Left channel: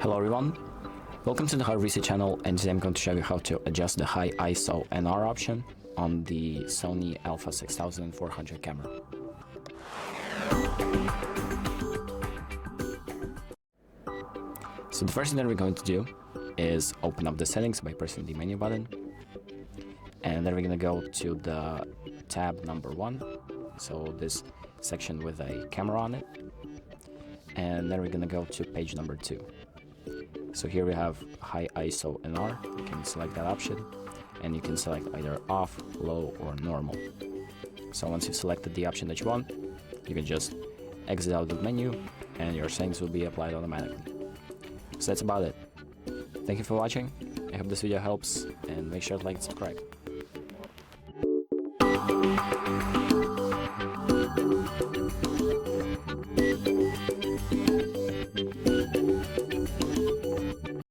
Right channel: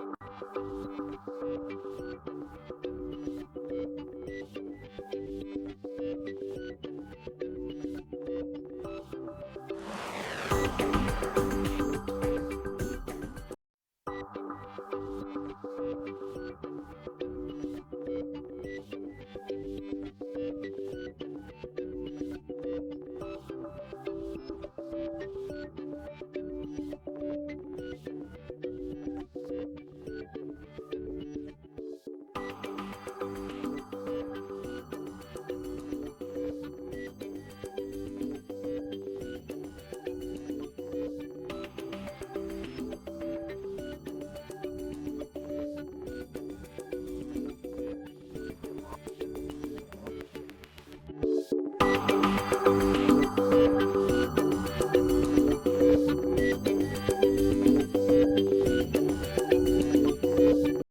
Hello everyone, welcome to the HardReset channel, and today I'm going to show you how to adjust the high ISO NR option on the Sony Alpha 6400 camera. So the first thing that we're going to do is open up the settings by pressing the menu button, and then we're going to go to the tab number 1, so this section with a camera on it, and then we're going to go to page number 2. So here we have high ISO NR. You can select that option, and you can select either off, low, or normal. So once you've selected the option that you want, you can just exit out of the menu and your settings will be applied automatically. So that's about it. Thank you for watching. I hope this video helps, and make sure to like and subscribe.